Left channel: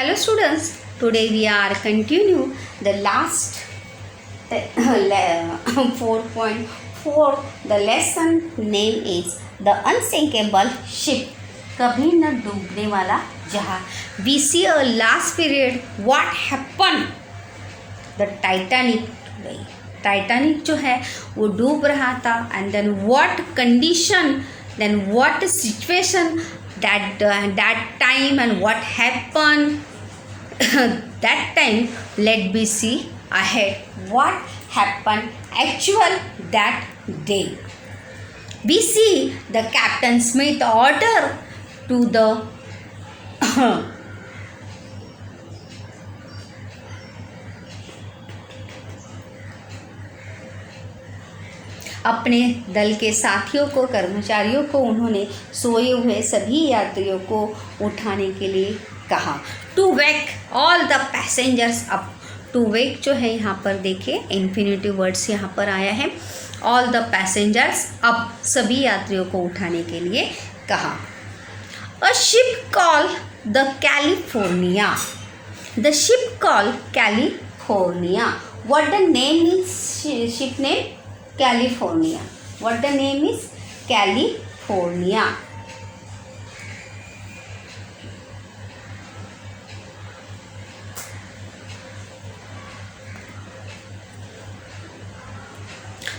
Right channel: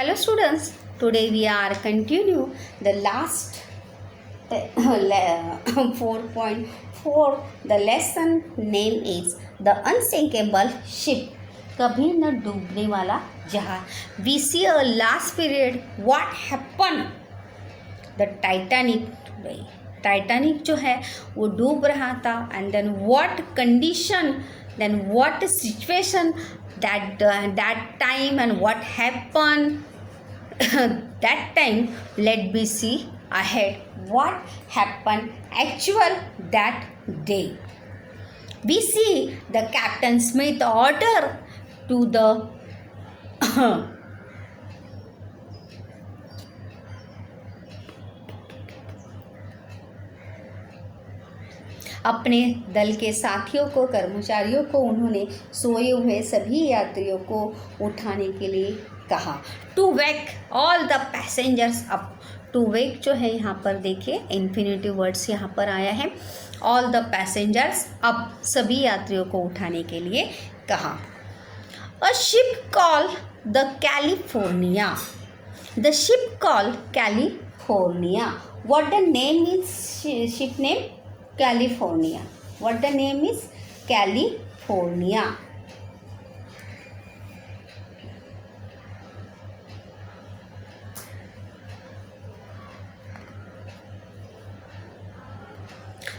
Hello students, today we are continue the last 4.4. The lesson name is The Unsinkable Ship. कभी न डूबने वाला जहाज. We see a last period what happened. The Titanic today. Titanic जो है वो डूब रहा था and then what condition, then what situation that time and what happened that time. Let me see ahead what happened actual that day. We see the Captain Smith order to the अपने दल के साथियों को, कर्मचारियों को उन्होंने सोए हुए सभी यात्रियों को उठाने के लिए कहा. To wake all the passengers up. To wake जो है यहाँ पर देखिए इन्फिनेटिव वर्ड्स यहाँ पर आया है. ऑल द पैसेंजर्स अप, सभी यात्रियों को उठाने के लिए कहा. A ship call the California. The ship call California. What the name is ship name? California. What the name is? California.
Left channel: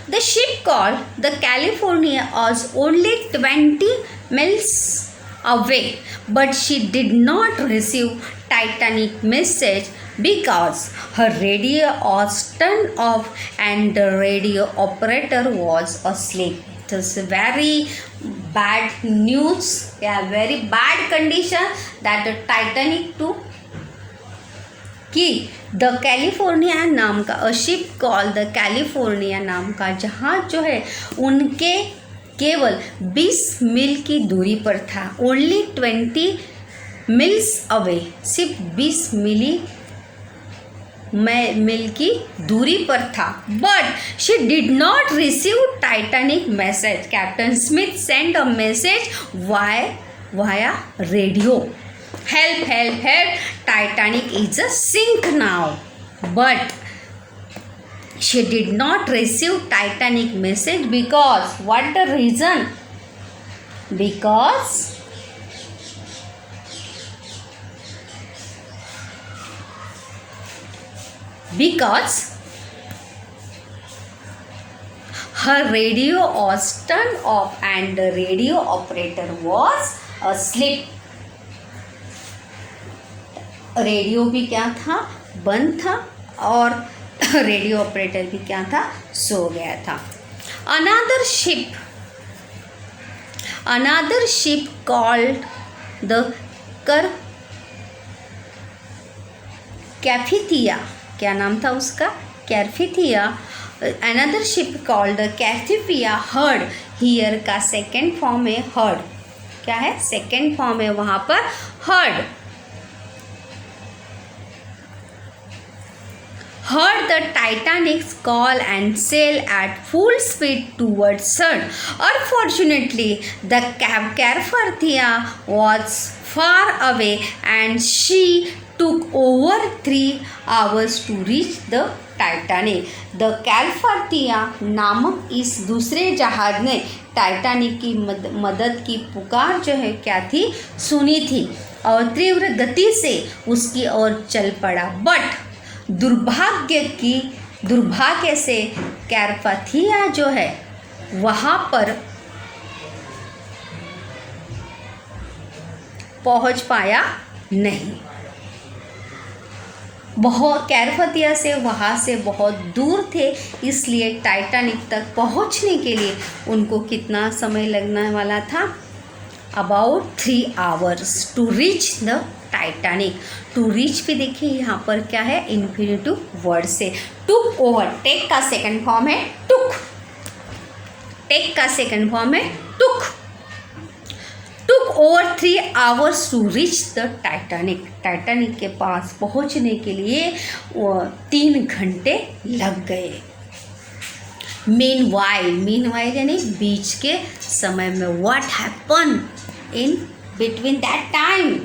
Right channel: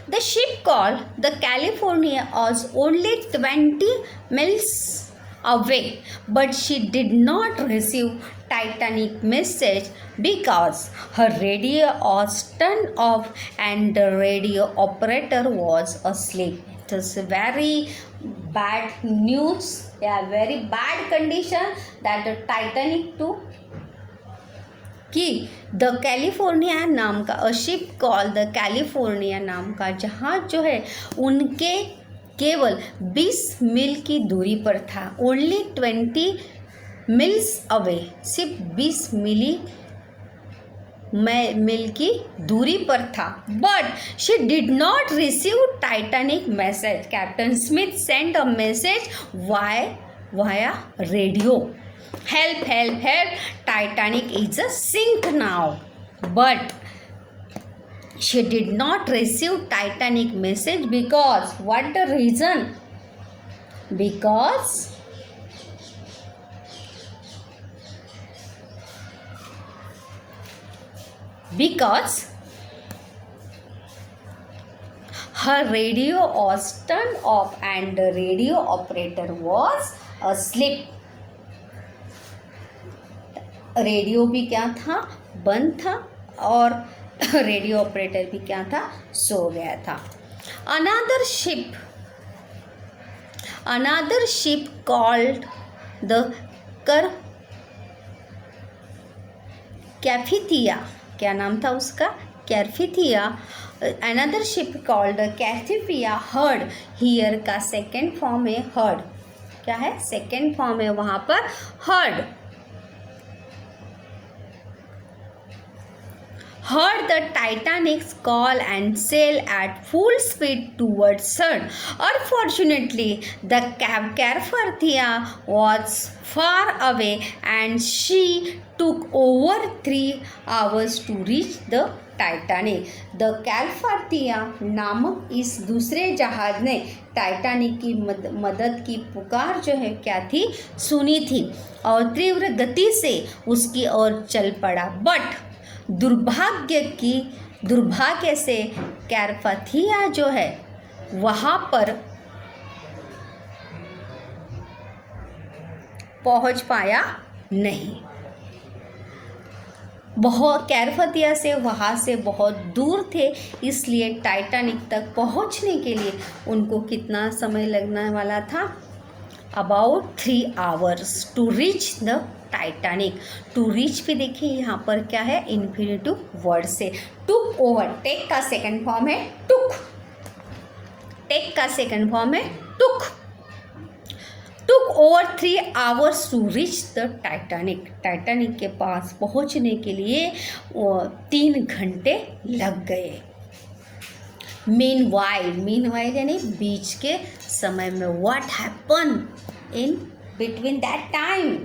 The ship called the California was only 20 miles away, but she did not receive Titanic message because her radio was turned off and the radio operator was asleep. It is very bad news, very bad condition that the Titanic to कि the California नाम का a ship call the California नाम का जहाज जो है उनके केवल 20 मील की दूरी पर था. ओनली 20 मिल्स अवे, सिर्फ 20 मील की दूरी पर था. But she did not receive Titanic message. Captain Smith send a message via radio. Help, help, help. Titanic is a sink now. But she did not receive Titanic message because what the reason? Because her radio was turned off and the radio operator was asleep. Radio भी क्या था? बंद था और radio operator भी क्या था? सो गया था. Another ship called the Carpathia. क्या नाम था उसका? Carpathia. Another ship called the Carpathia heard. Hear का सेकेंड फॉर्म है हर्ड. क्या है? सेकेंड फॉर्म है वहाँ पर heard. Heard the Titanic's call and sail at full speed towards sun. Unfortunately, the Carpathia was far away and she took over 3 hours to reach the Titanic. The Carpathia नामक इस दूसरे जहाज ने Titanic की मदद की पुकार जो है क्या थी? सुनी थी और तीव्र गति से उसकी ओर चल पड़ा. बट दुर्भाग्य से कैरपाथिया जो है वहाँ पर पहुँच पाया नहीं. कैरपाथिया से वहाँ से बहुत दूर थे, इसलिए टाइटैनिक तक पहुँचने के लिए उनको कितना समय लगने वाला था? About 3 hours to reach the Titanic. To reach भी देखिए यहाँ पर क्या है? इन्फिनेटिव वर्ड से. Took over. टेक का सेकंड फॉर्म है टुक. टेक का सेकंड फॉर्म है took. Took over 3 hours to reach the Titanic. Titanic के पास पहुँचने के लिए 3 घंटे लग गए. मीनवाइल यानी बीच के समय में. What happen in between that time?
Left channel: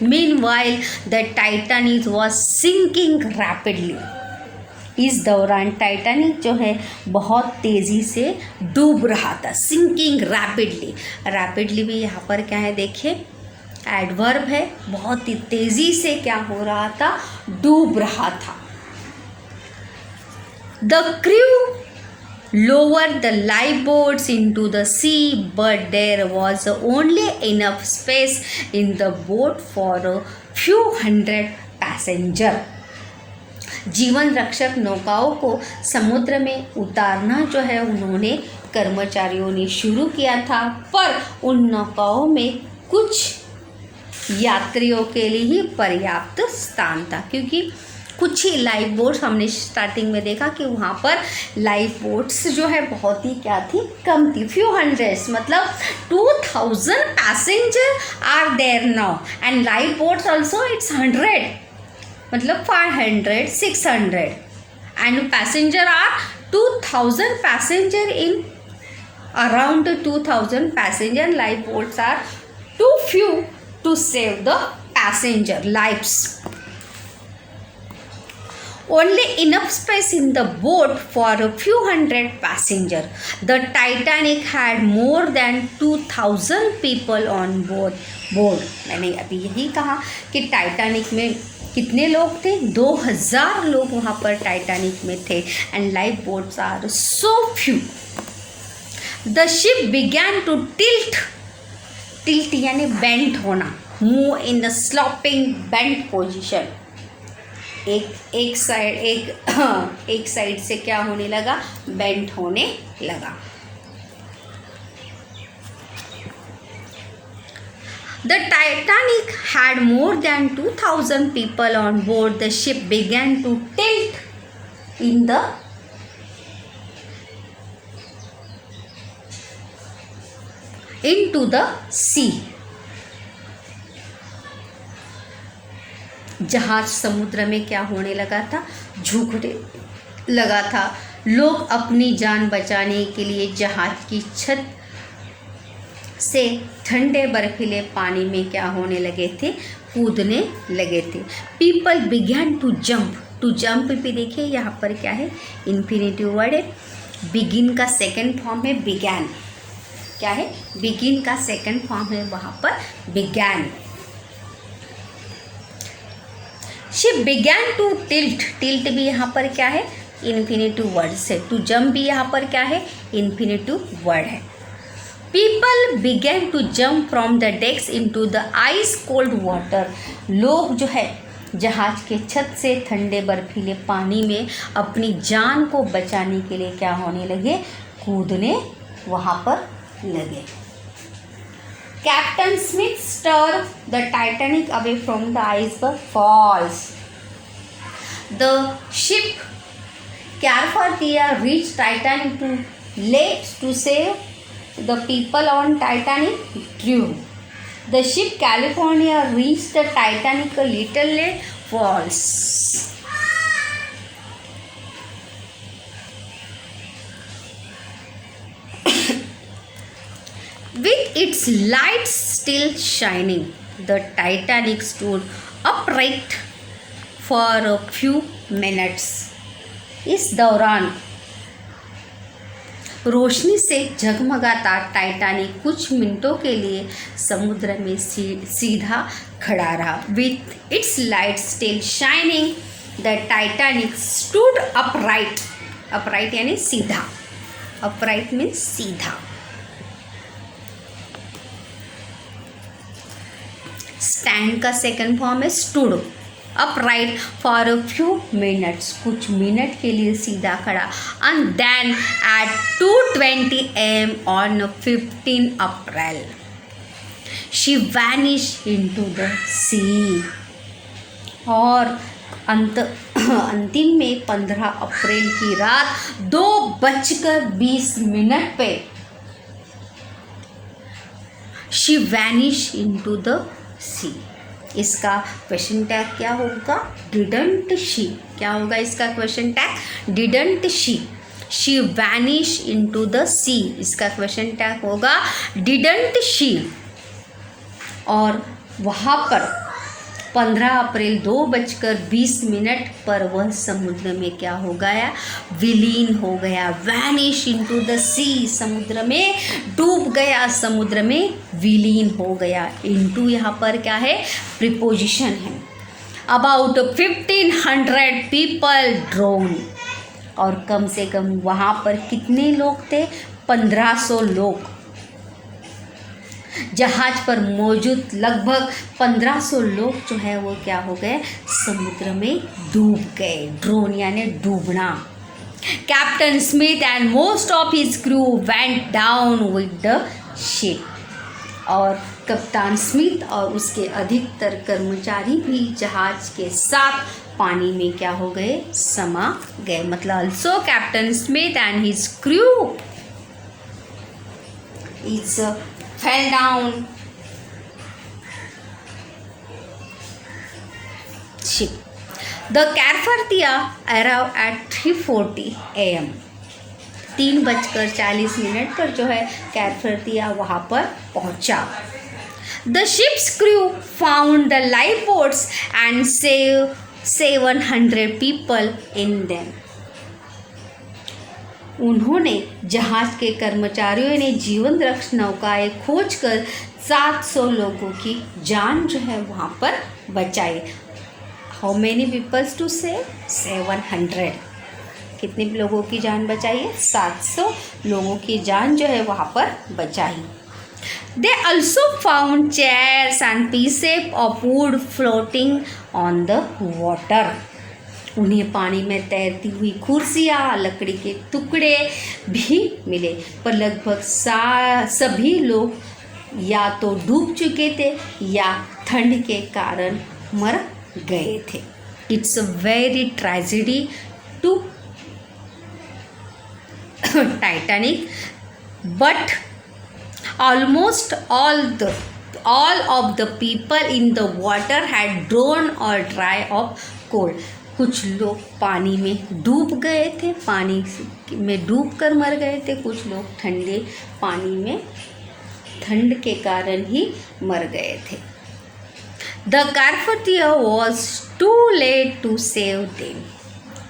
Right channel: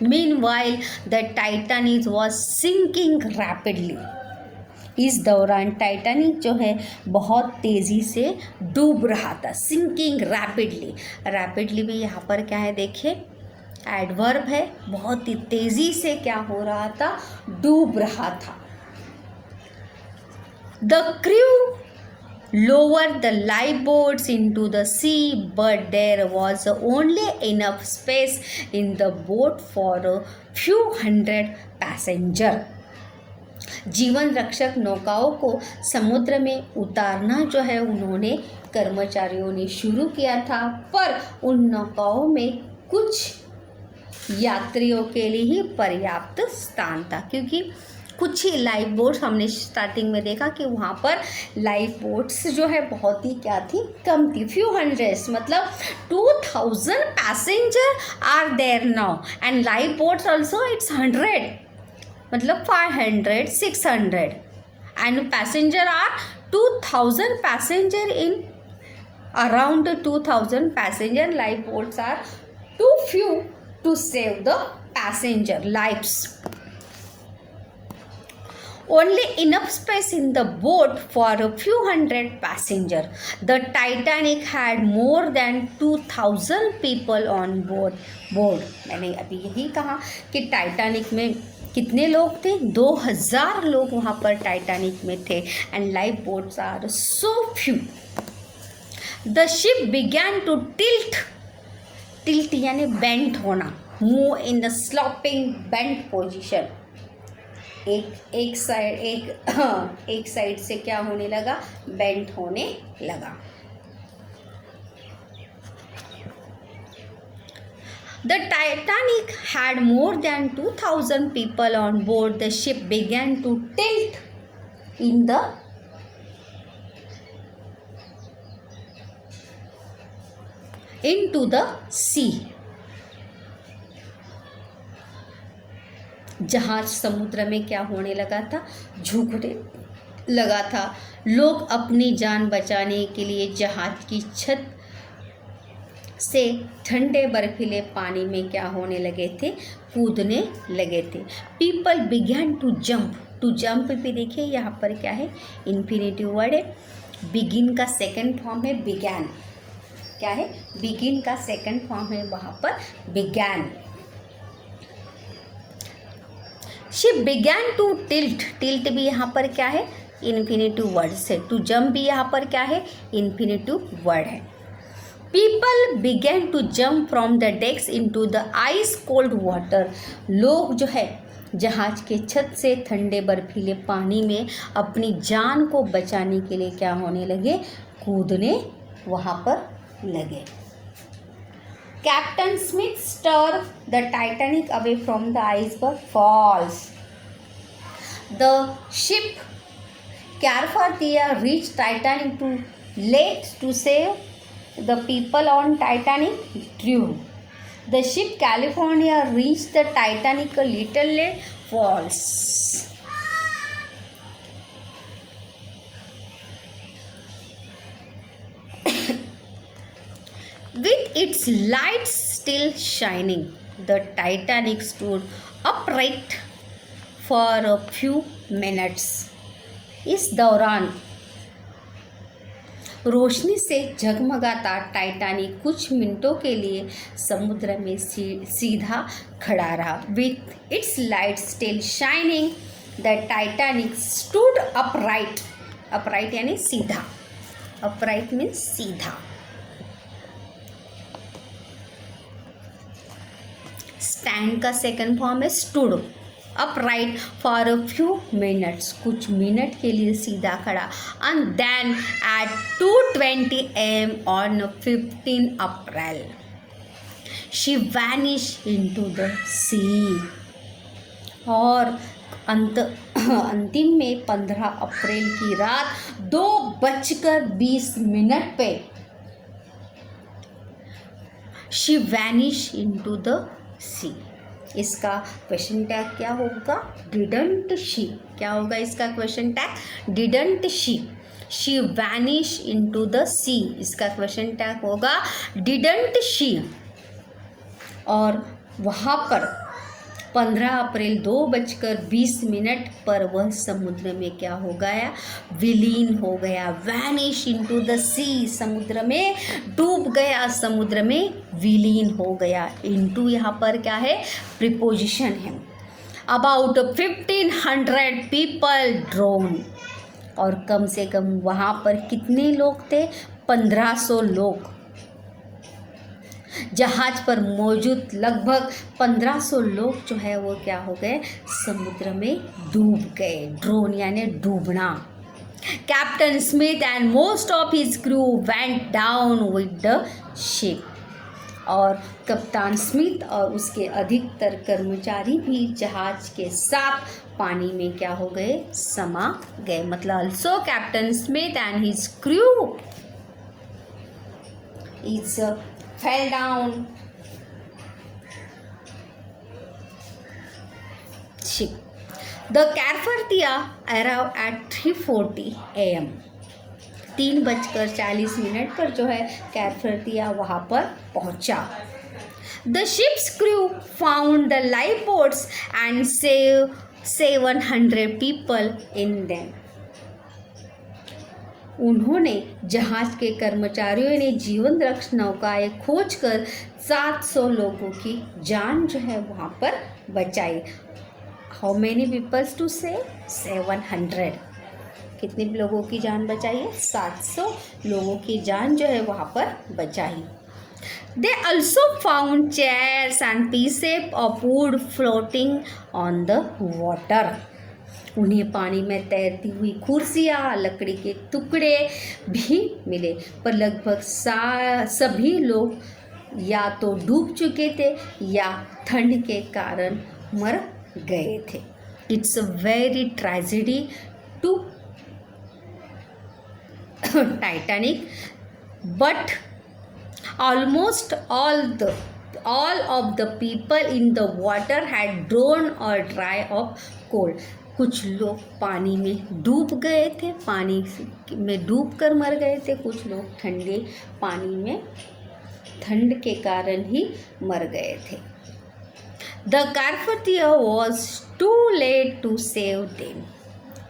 Meanwhile, the Titanic was sinking rapidly. इस दौरान टाइटैनिक जो है बहुत तेज़ी से डूब रहा था. Sinking rapidly. रैपिडली भी यहाँ पर क्या है देखिए, एडवर्ब है. बहुत ही तेज़ी से क्या हो रहा था, डूब रहा था. The crew lowered the lifeboats into the sea, but there was only enough space in the boat for a few hundred passengers. जीवन रक्षक नौकाओं को समुद्र में उतारना जो है उन्होंने कर्मचारियों ने शुरू किया था, पर उन नौकाओं में कुछ यात्रियों के लिए ही पर्याप्त स्थान था, क्योंकि कुछ ही लाइफ बोट्स हमने स्टार्टिंग में देखा कि वहाँ पर लाइफ बोट्स जो है बहुत ही क्या थी, कम थी. फ्यू हंड्रेड्स मतलब 2000 passenger are there now and life boats also it's 100 मतलब 500 600 and passenger are 2000 passenger in around 2000 passenger. Life boats are too few to save the passenger lives. Only enough space in the boat for a few hundred passengers. The Titanic had more than 2000 people on board. मैंने अभी यही कहा कि Titanic में कितने लोग थे, 2000 लोग वहाँ पर टाइटैनिक में थे. And life boats are so few. The ship began to tilt. Tilt यानी बेंट होना. Move in the sloping bent position. एक साइड से क्या होने लगा, बेंट होने लगा. The Titanic had more than 2000 people on board. The ship began to tilt into the sea. जहाज समुद्र में क्या होने लगा था, झुकने लगा था. लोग अपनी जान बचाने के लिए जहाज की छत से ठंडे बर्फीले पानी में क्या होने लगे थे, कूदने लगे थे. People began to jump. To jump भी देखिए यहाँ पर क्या है, इन्फिनेटिव वर्ड है. बिगिन का सेकेंड फॉर्म है बिगैन. क्या है, बिगिन का सेकेंड फॉर्म है वहाँ पर began. She began to tilt. Tilt भी यहाँ पर क्या है, इन्फिनेटिव वर्ड से. टू जंप भी यहाँ पर क्या है, इन्फिनेटिव वर्ड है. People began to jump from the decks into the ice cold water. लोग जो है जहाज के छत से ठंडे बर्फीले पानी में अपनी जान को बचाने के लिए क्या होने लगे, कूदने वहाँ पर लगे. Captain Smith steered the Titanic away from the iceberg falls. The ship Carpathia reached Titanic too late to save the people on Titanic. True. The ship California reached the Titanic a little late. False. With its lights still shining, the Titanic stood upright for a few minutes. इस दौरान रोशनी से जगमगाता Titanic कुछ मिनटों के लिए समुद्र में सीधा खड़ा रहा. With its lights still shining, the Titanic stood upright. Upright यानी सीधा. Upright means सीधा. स्टैंड का सेकंड फॉर्म है stood. Upright for a few minutes, कुछ मिनट के लिए सीधा खड़ा. And then at 2:20 AM on 15 April she vanished into the sea. और अंतिम में 15 अप्रैल की रात 2:20 पे she vanished into the सी. इसका क्वेश्चन टैग क्या होगा, डिडंट शी. क्या होगा इसका question tag, didn't she. She vanish into the sea. इसका क्वेश्चन टैग होगा डिडंट शी. और वहाँ पर 15 अप्रैल 2:20 पर वह समुद्र में क्या हो गया, विलीन हो गया, वैनिश इनटू द सी, समुद्र में डूब गया, समुद्र में विलीन हो गया। इनटू यहाँ पर क्या है, प्रीपोजिशन है। अबाउट 1500 पीपल ड्रोन, और कम से कम वहाँ पर कितने लोग थे, 1500 लोग जहाज पर मौजूद लगभग 1500 लोग जो है वो क्या हो गए, समुद्र में डूब गए। ड्रोन यानी डूबना। Captain Smith and most of his crew went down with the ship, और कप्तान स्मिथ और उसके अधिकतर कर्मचारी भी जहाज के साथ पानी में क्या हो गए, समा गए। मतलब also captain Smith and his crew is fell down ship. The Carpathia arrived at 3:40 AM. 3:40 पर जो है कैरफर्तिया वहाँ पर पहुँचा। The ship's crew found the lifeboats and saved 700 people in them. उन्होंने जहाज के कर्मचारियों ने जीवन रक्षक नौकाएं खोजकर 700 लोगों की जान जो है वहाँ पर बचाई। हाउ मैनी पीपल्स टू से 700, कितने लोगों की जान बचाई है, 700 लोगों की जान जो है वहाँ पर बचाई। They also found chairs and pieces of wood floating on the water. उन्हें पानी में तैरती हुई कुर्सियाँ, लकड़ी के टुकड़े भी मिले, पर लगभग सभी लोग या तो डूब चुके थे या ठंड के कारण मर गए थे। It's a very tragedy to Titanic, but almost all of the people in the water had drawn or died of cold. कुछ लोग पानी में डूब गए थे, पानी में डूब कर मर गए थे, कुछ लोग ठंडे पानी में ठंड के कारण ही मर गए थे। The Carpathia was too late to save them.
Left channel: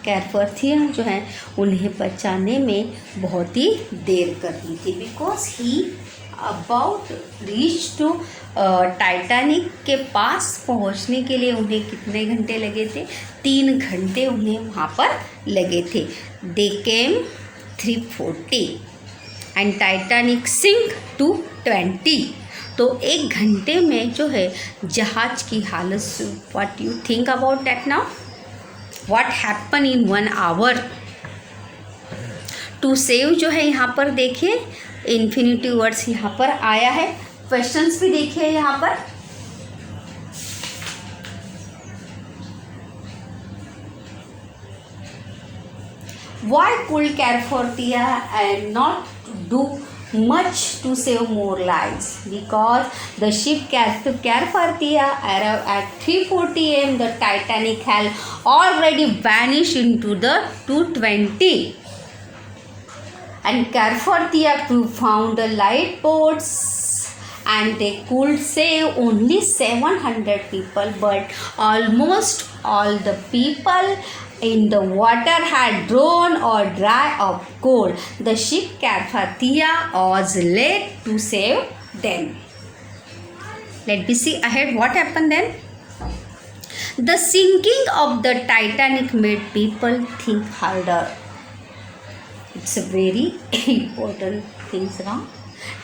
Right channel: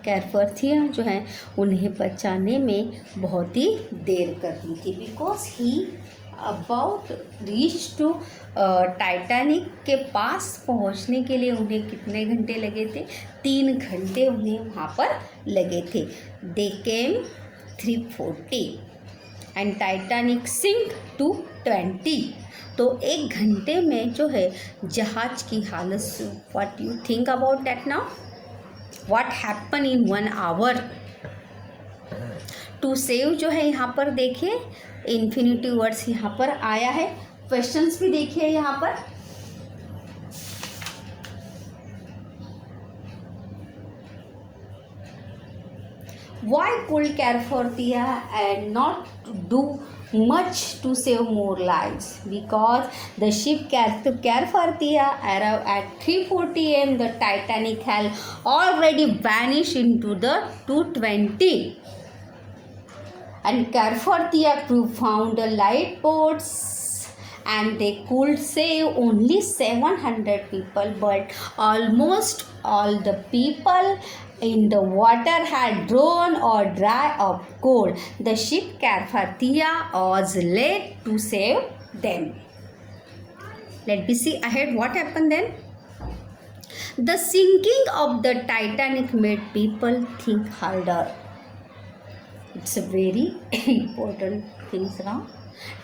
कैरफर्थिया जो है उन्हें बचाने में बहुत ही देर कर दी थी, because he about reach to Titanic के पास पहुंचने के लिए उन्हें कितने घंटे लगे थे, 3 घंटे उन्हें वहाँ पर लगे थे। दे केम 3:40 एंड टाइटैनिक सिंक टू 20, तो 1 घंटे में जो है जहाज की हालत, what you think about that now, what happen in 1 hour to save जो है यहाँ पर देखिए इन्फिनिटिव वर्ड्स यहाँ पर आया है। क्वेश्चंस भी देखिए यहाँ पर, why could Carpathia and not do much to save more lives? Because the ship Carpathia arrived at 3:40 am. The Titanic had already vanished into the 2:20. And Carpathia crew found the lifeboats and they could save only 700 people, but almost all the people in the water had drowned or died of cold. The ship Carpathia was late to save them. Let me see ahead what happened then. The sinking of the Titanic made people think harder. It's a very important thing now.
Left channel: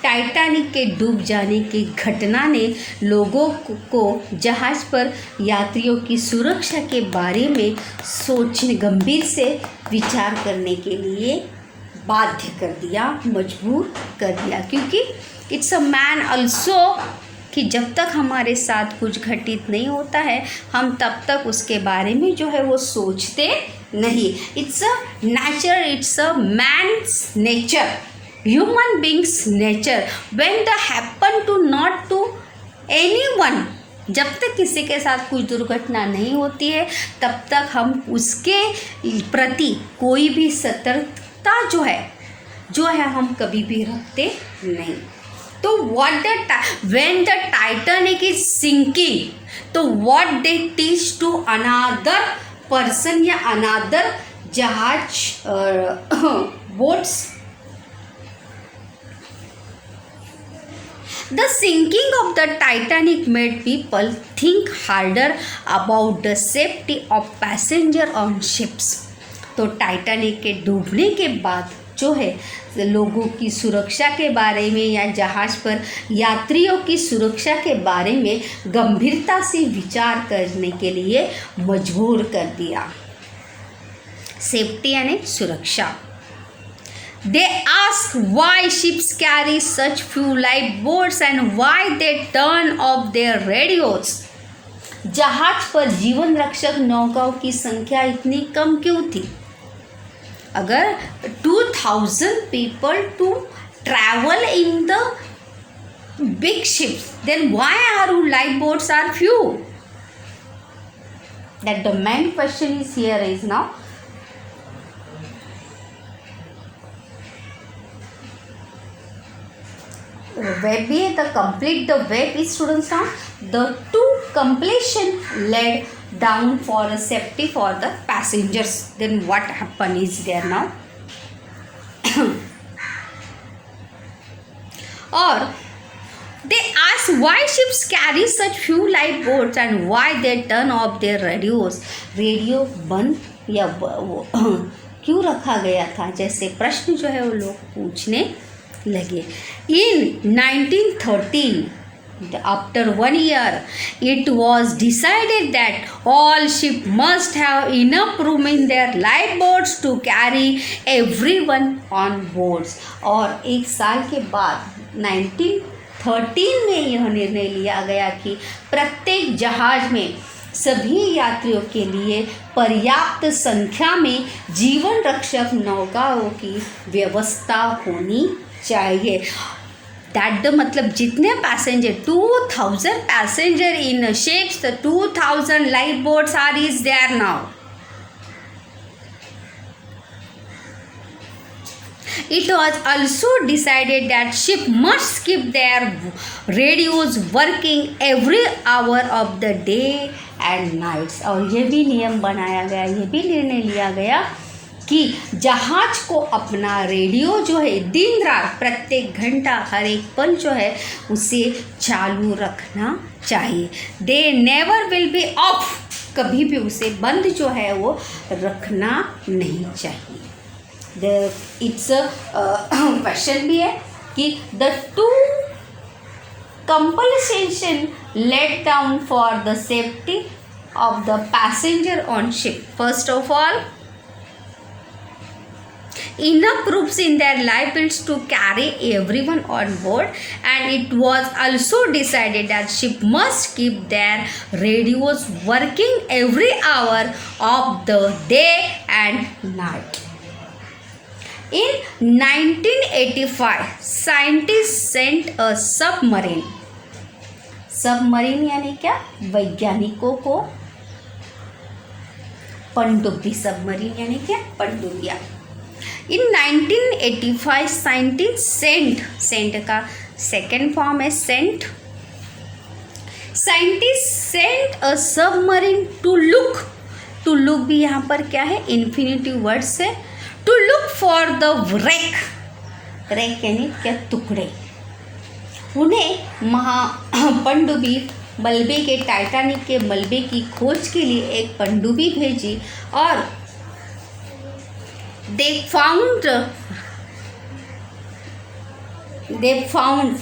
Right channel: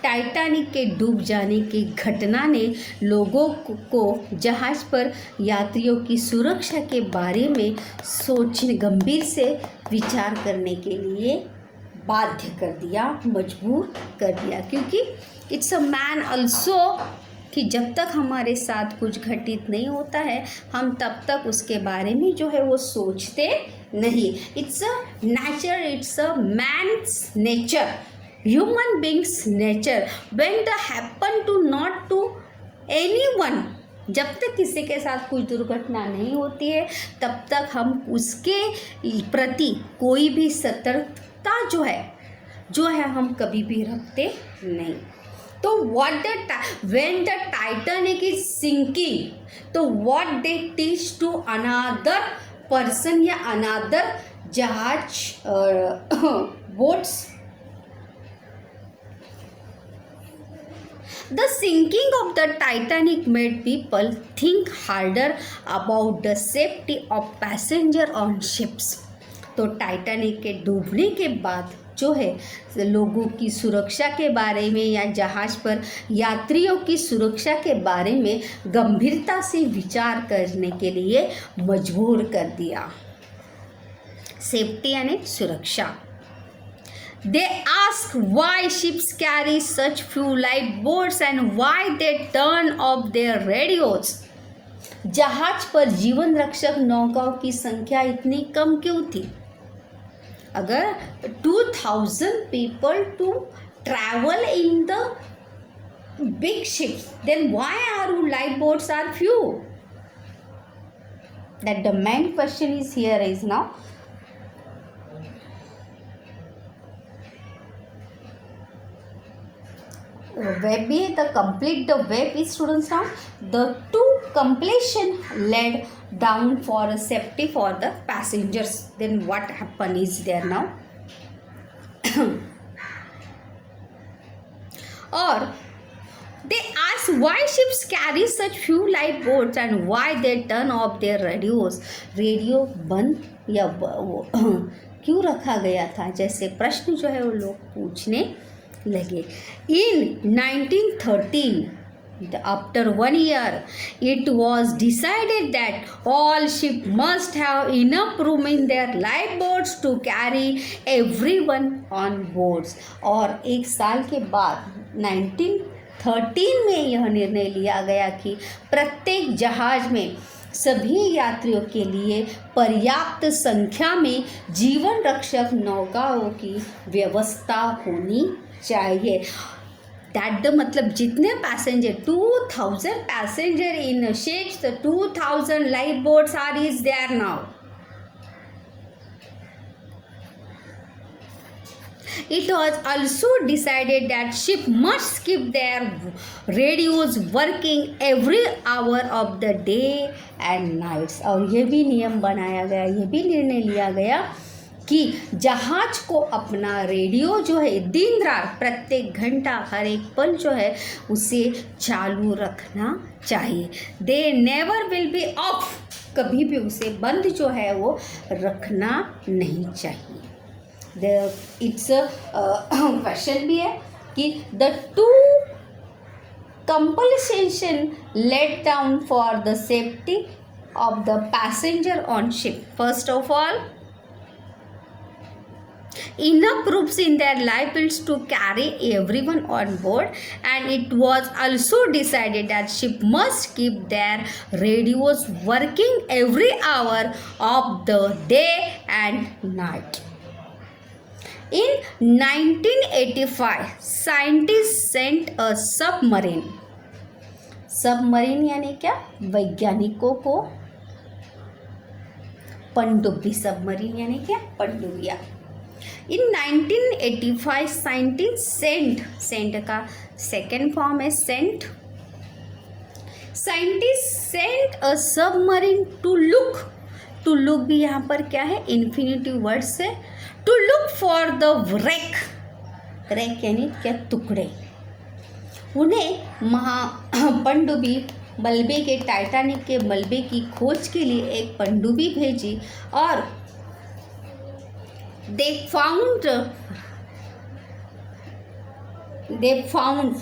Titanic के डूब जाने की घटना ने लोगों को जहाज पर यात्रियों की सुरक्षा के बारे में सोचने, गंभीर से विचार करने के लिए बाध्य कर दिया, मजबूर कर दिया, क्योंकि इट्स अ मैन ऑल्सो कि जब तक हमारे साथ कुछ घटित नहीं होता है हम तब तक उसके बारे में जो है वो सोचते नहीं। It's a nature, it's a man's nature, human beings nature, when the happen to not to anyone, जब तक किसी के साथ कुछ दुर्घटना नहीं होती है तब तक हम उसके प्रति कोई भी सतर्कता जो है हम कभी भी रखते नहीं। तो when the Titanic is sinking, तो what they teach to another person या another जहाज boats. The sinking of the Titanic made people think harder about the safety of passenger on ships. तो टाइटैनिक के डूबने के बाद जो है लोगों की सुरक्षा के बारे में या जहाज़ पर यात्रियों की सुरक्षा के बारे में गंभीरता से विचार करने के लिए मजबूर कर दिया. सेफ्टी यानी सुरक्षा. They ask why ships carry such few lifeboats and why they turn off their radios. जहाज पर जीवन रक्षक नौकाओं की संख्या इतनी कम क्यों थी? अगर 2000 people to travel in the big ships, then why our lifeboats are few? That the main question is here is now. Web है the complete the web is students now the two completion led down for a safety for the passengers. Then what happen is there now or they ask why ships carry such few lifeboats and why they turn off their radios. Radio बंद या क्यों रखा गया था, जैसे प्रश्न जो है वो लोग पूछने लगे. In 1913, after 1 year, it was decided that all ships must have enough room in their lifeboats to carry everyone on boards. और एक साल के बाद 1913 में यह निर्णय लिया गया कि प्रत्येक जहाज में सभी यात्रियों के लिए पर्याप्त संख्या में जीवन रक्षक नौकाओं की व्यवस्था होनी चाहिए. दैट द मतलब जितने passenger 2000 passenger in ships, 2000 life boats are is there now. It was also decided that ship must keep their radios working every hour of the day and nights. और ये भी नियम बनाया गया, ये भी निर्णय लिया गया कि जहाज को अपना रेडियो जो है दिन रात प्रत्येक घंटा हर एक पल जो है उसे चालू रखना चाहिए. They never will be of, कभी भी उसे बंद जो है वो रखना नहीं चाहिए. इट्स क्वेश्चन भी है कि the two compulsion let down for the safety of the passenger on ship. First of all, enough rooms in their lifeboats to carry everyone on board, and it was also decided that ship must keep their radios working every hour of the day and night. In 1985, scientists sent a submarine. Submarine यानी क्या? वैज्ञानिकों को पनडुब्बी. Submarine यानी क्या? पनडुब्बियाँ. In 1985, scientists sent का second form है sent. Scientists sent a submarine to look. To look भी यहाँ पर क्या है? इन्फिनिटिव वर्ड से. To look for the wreck. wreck यानी क्या? टुकड़े. उन्हें पनडुब्बी मलबे के टाइटैनिक के मलबे की खोज के लिए एक पनडुब्बी भेजी और they found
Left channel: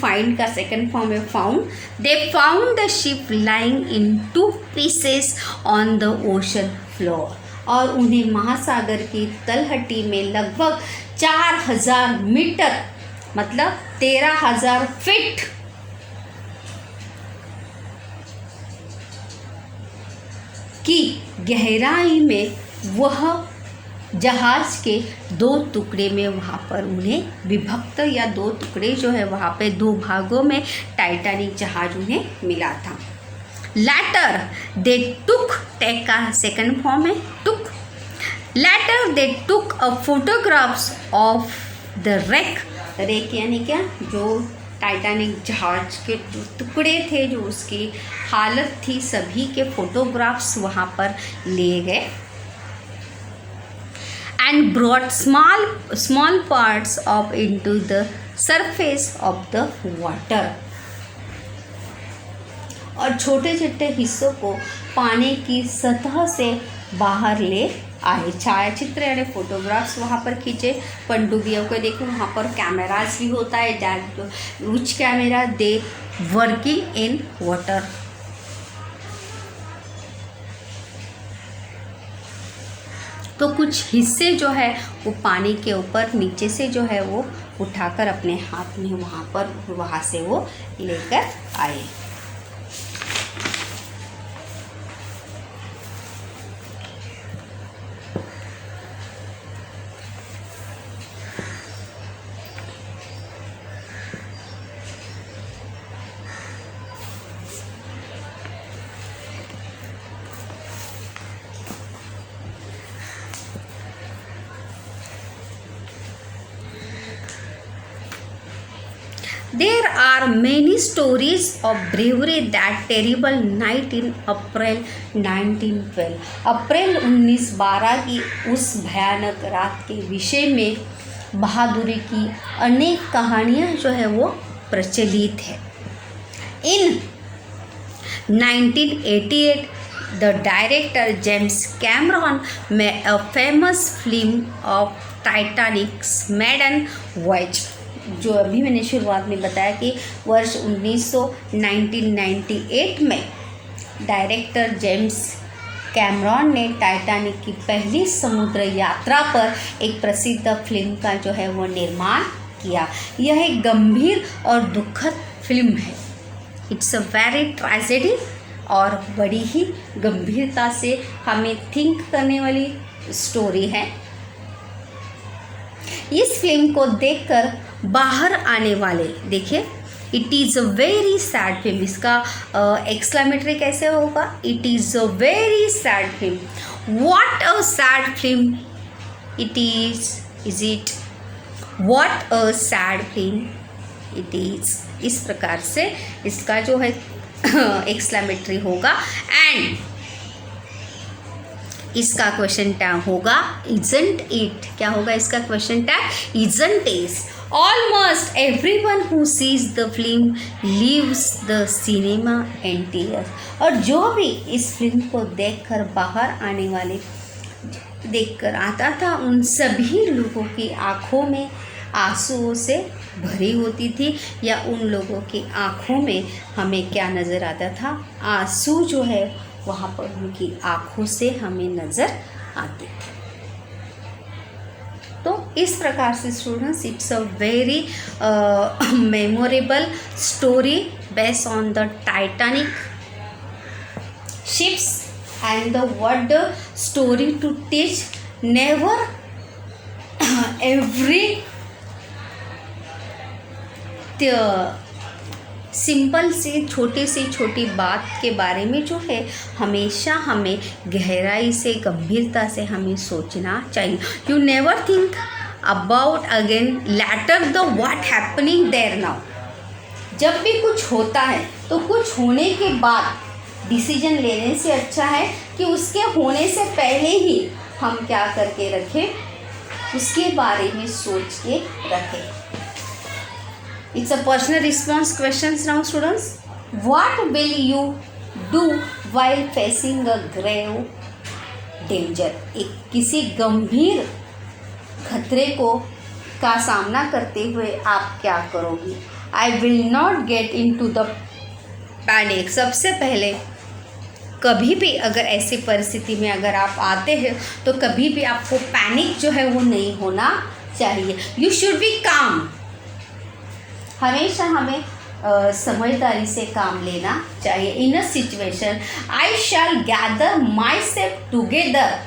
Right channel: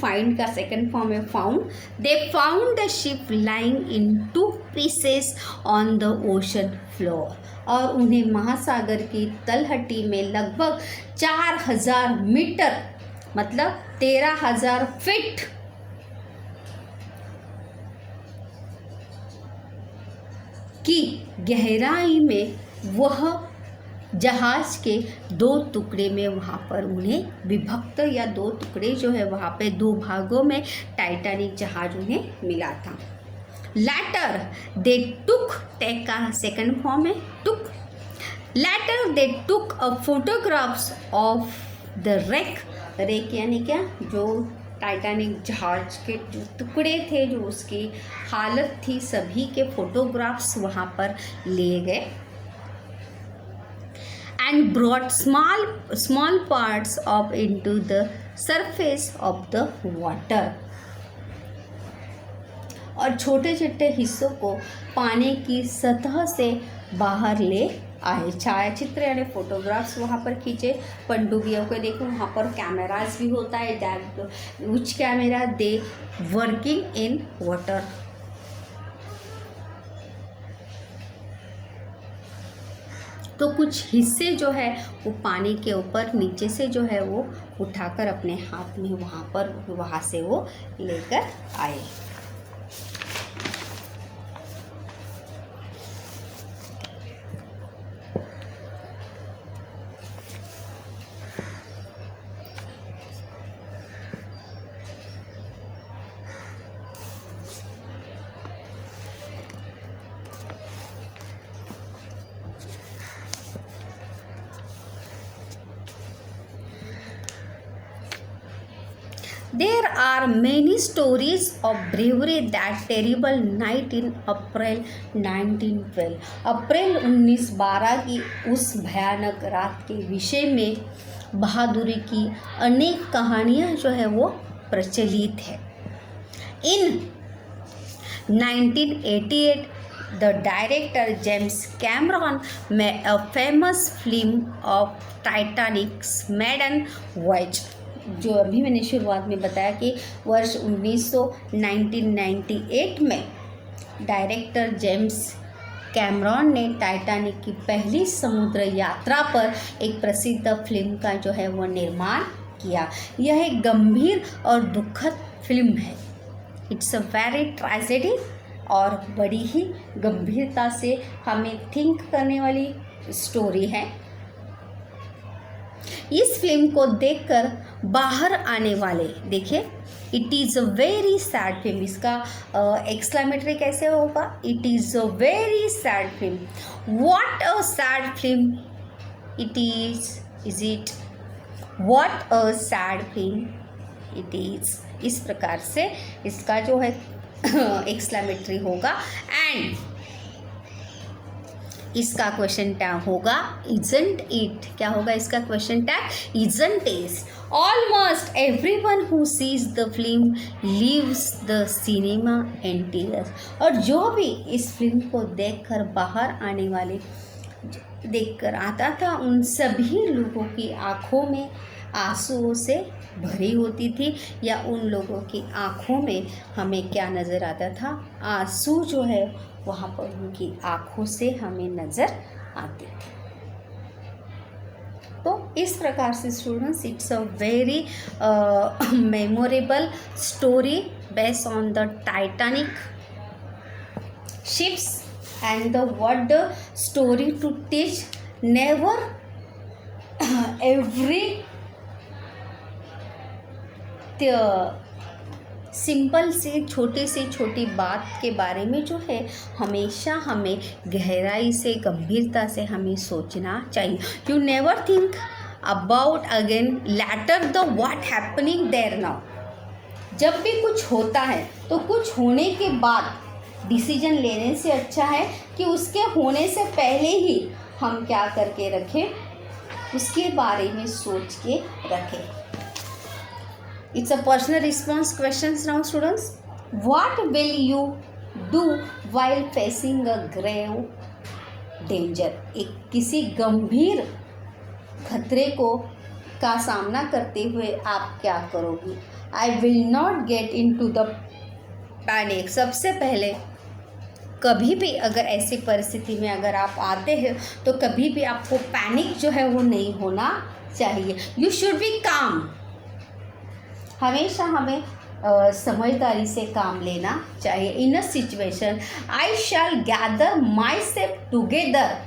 find का सेकंड फॉर्म है found. They found the ship lying in 2 pieces on the ocean floor. और उन्हें महासागर की तलहटी में लगभग 4000 मीटर मतलब 13000 फीट की गहराई में वह जहाज के 2 टुकड़े में वहाँ पर उन्हें विभक्त या 2 टुकड़े जो है वहाँ पे 2 भागों में टाइटैनिक जहाज उन्हें मिला था. Later they took टेक का सेकंड फॉर्म है took. Later they took a photographs of the wreck. wreck यानी क्या? जो टाइटैनिक जहाज के जो टुकड़े थे, जो उसकी हालत थी, सभी के फोटोग्राफ्स वहाँ पर लिए गए। And brought small parts of into the surface of the water, और छोटे छोटे हिस्सों को पानी की सतह से बाहर ले आए। छायाचित्र यानी फोटोग्राफ्स वहाँ पर खींचे। पनडुब्बियों को देखो, वहाँ पर कैमरास भी होता है, direct which camera they working in water. तो कुछ हिस्से जो है वो पानी के ऊपर नीचे से जो है वो उठाकर अपने हाथ में वहाँ से वो लेकर आए। There are many stories of bravery that terrible night in April 1912. अप्रैल 1912 की उस भयानक रात के विषय में बहादुरी की अनेक कहानियाँ जो है वो प्रचलित है। In 1988, the director James Cameron made a famous film of Titanic's maiden voyage, जो अभी मैंने शुरुआत में बताया कि वर्ष 1998 में डायरेक्टर जेम्स कैमरॉन ने टाइटैनिक की पहली समुद्र यात्रा पर एक प्रसिद्ध फिल्म का जो है वो निर्माण किया। यह एक गंभीर और दुखद फिल्म है। इट्स अ वेरी ट्रेजेडी, और बड़ी ही गंभीरता से हमें थिंक करने वाली स्टोरी है। इस फिल्म को देखकर बाहर आने वाले, देखिए, it is a very sad film. इसका एक्सक्लेमेटरी कैसे होगा? It is a very sad film. What a sad film it is it? What a sad film it is. इस प्रकार से इसका जो है एक्सक्लेमेटरी होगा। एंड इसका क्वेश्चन टैग होगा इजंट इट। क्या होगा इसका question tag? Isn't it. Almost everyone who seize the film leaves the cinema in tears. और जो भी इस फिल्म को देखकर बाहर आने वाले देखकर आता था, उन सभी लोगों की आंखों में आंसुओं से भरी होती थी, या उन लोगों की आंखों में हमें क्या नज़र आता था? आंसू जो है वहाँ पर उनकी आंखों से हमें नज़र आते थे। तो इस प्रकार से students, it's a very memorable story based on the Titanic ships and the what the story to teach, never every simple सी छोटी बात के बारे में जो है हमेशा हमें गहराई से, गंभीरता से हमें सोचना चाहिए। You never think about again later the what happening there now. जब भी कुछ होता है तो कुछ होने के बाद डिसीजन लेने से अच्छा है कि उसके होने से पहले ही हम क्या करके रखें, उसके बारे में सोच के रखें। It's a personal response questions now, students. What will you do while facing a grave danger? एक किसी गंभीर खतरे का सामना करते हुए आप क्या करोगे? I will not get into the panic. सबसे पहले कभी भी अगर ऐसी परिस्थिति में अगर आप आते हैं तो कभी भी आपको पैनिक जो है वो नहीं होना चाहिए। You should be calm. हमेशा हमें समझदारी से काम लेना चाहिए। In a situation I shall gather myself together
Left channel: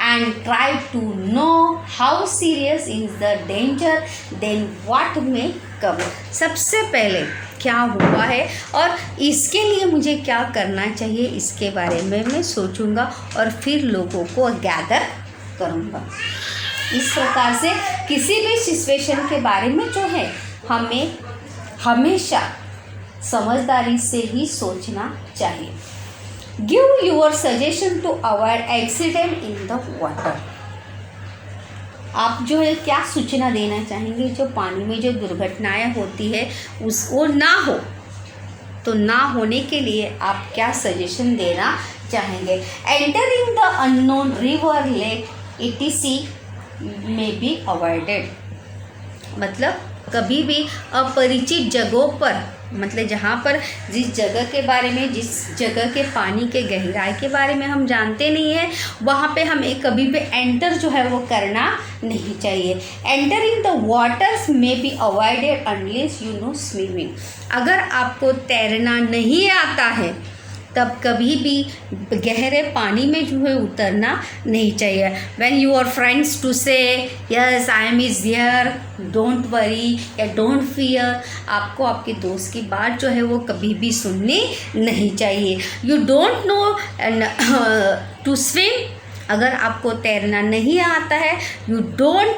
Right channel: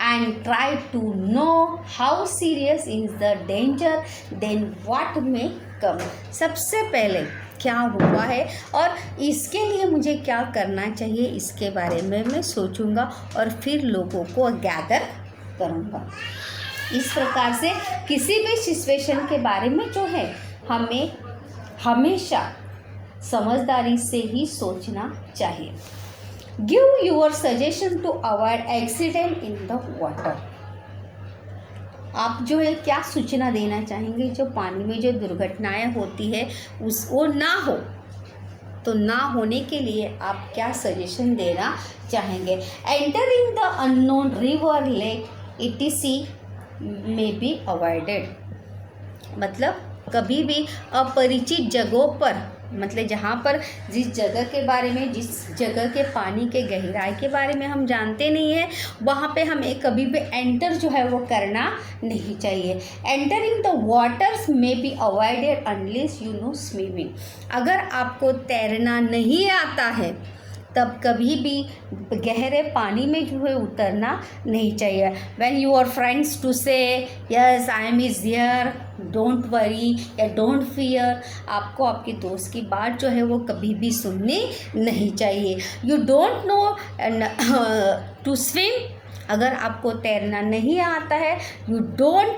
and try to know how serious is the danger then what may come. सबसे पहले क्या हुआ है और इसके लिए मुझे क्या करना चाहिए, इसके बारे में मैं सोचूंगा और फिर लोगों को गैदर करूँगा। इस प्रकार से किसी भी सिचुएशन के बारे में जो है हमें हमेशा समझदारी से ही सोचना चाहिए। Give your suggestion to avoid accident in the water. आप जो है क्या सूचना देना चाहेंगे जो पानी में जो दुर्घटनाएं होती है उसको ना हो, तो ना होने के लिए आप क्या सजेशन देना चाहेंगे? Entering the unknown river lake etc may be avoided. मतलब कभी भी अपरिचित जगहों पर, मतलब जहाँ पर जिस जगह के बारे में, जिस जगह के पानी के गहराई के बारे में हम जानते नहीं है, वहाँ पे हमें कभी भी एंटर जो है वो करना नहीं चाहिए। एंटरिंग द वाटर्स में be avoided unless you know swimming. अगर आपको तैरना नहीं आता है तब कभी भी गहरे पानी में जो है उतरना नहीं चाहिए। व्हेन योर फ्रेंड्स टू से yes I am is here, don't worry या डोंट फियर, आपको आपके दोस्त की बात जो है वो कभी भी सुननी नहीं चाहिए। You don't know to swim, अगर आपको तैरना नहीं आता है, you don't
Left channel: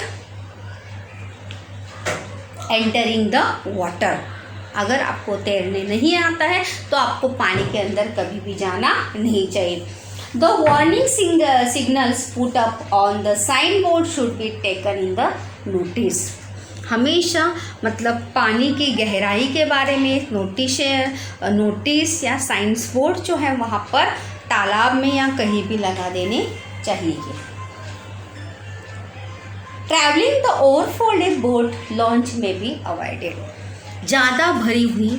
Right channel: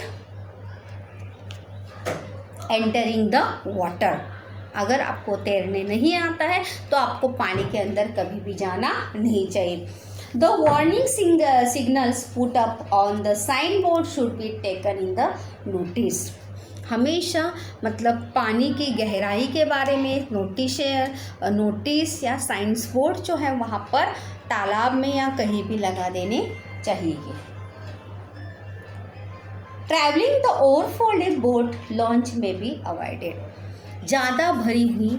entering the water. अगर आपको तैरने नहीं आता है तो आपको पानी के अंदर कभी भी जाना नहीं चाहिए। The warning signals put up on the sign board should be taken in the notice. हमेशा मतलब पानी की गहराई के बारे में नोटिस या साइंस बोर्ड जो है वहाँ पर तालाब में या कहीं भी लगा देने चाहिए। ट्रैवलिंग द ओवरफोल्डेड बोट लॉन्च में बी अवॉइडेड। ज़्यादा भरी हुई,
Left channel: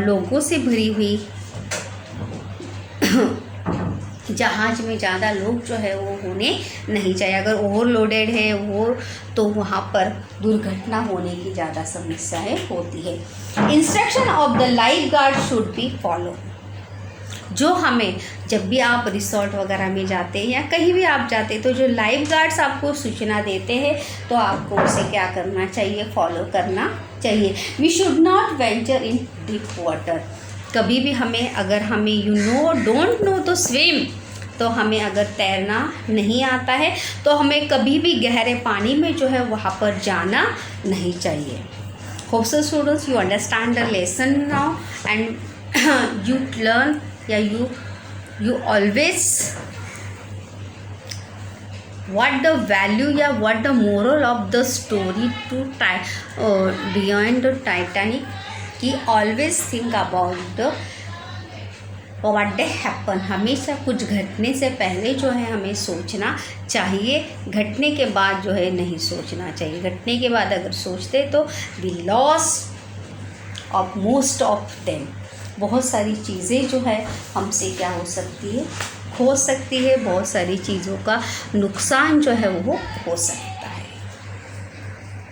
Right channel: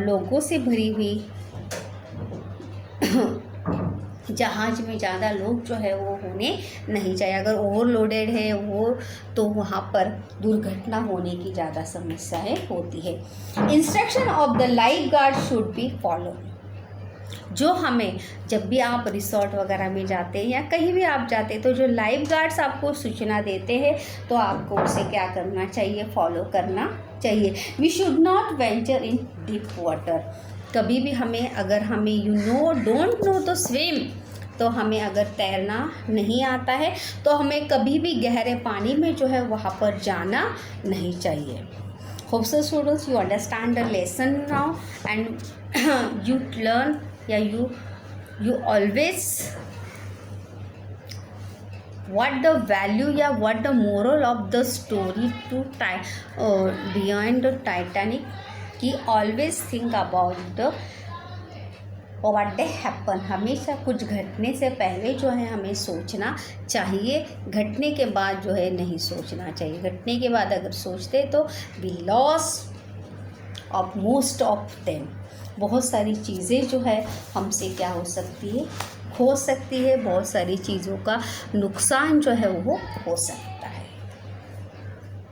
लोगों से भरी हुई जहाज में ज़्यादा लोग जो है वो होने नहीं चाहिए। अगर ओवरलोडेड है वो, तो वहाँ पर दुर्घटना होने की ज़्यादा समस्याएं होती है। Instruction of the life guard should be follow. जो हमें जब भी आप रिसोर्ट वगैरह में जाते हैं या कहीं भी आप जाते हैं तो जो लाइफ गार्ड्स आपको सूचना देते हैं तो आपको उसे क्या करना चाहिए? फॉलो करना चाहिए। We should not venture in deep water. कभी भी हमें, अगर हमें डोंट नो तो स्विम, तो हमें अगर तैरना नहीं आता है तो हमें कभी भी गहरे पानी में जो है वहाँ पर जाना नहीं चाहिए। Hope so students you understand the lesson now and you learn या you always what the value या what the moral of the story to beyond the Titanic कि always think about the what they happen। हमेशा कुछ घटने से पहले जो है हमें सोचना चाहिए, घटने के बाद जो है नहीं सोचना चाहिए। घटने के बाद अगर सोचते तो we lost of most of them। बहुत सारी चीज़ें जो है हमसे क्या हो सकती है? खो सकती है। बहुत सारी चीज़ों का नुकसान जो है वो हो सकता है।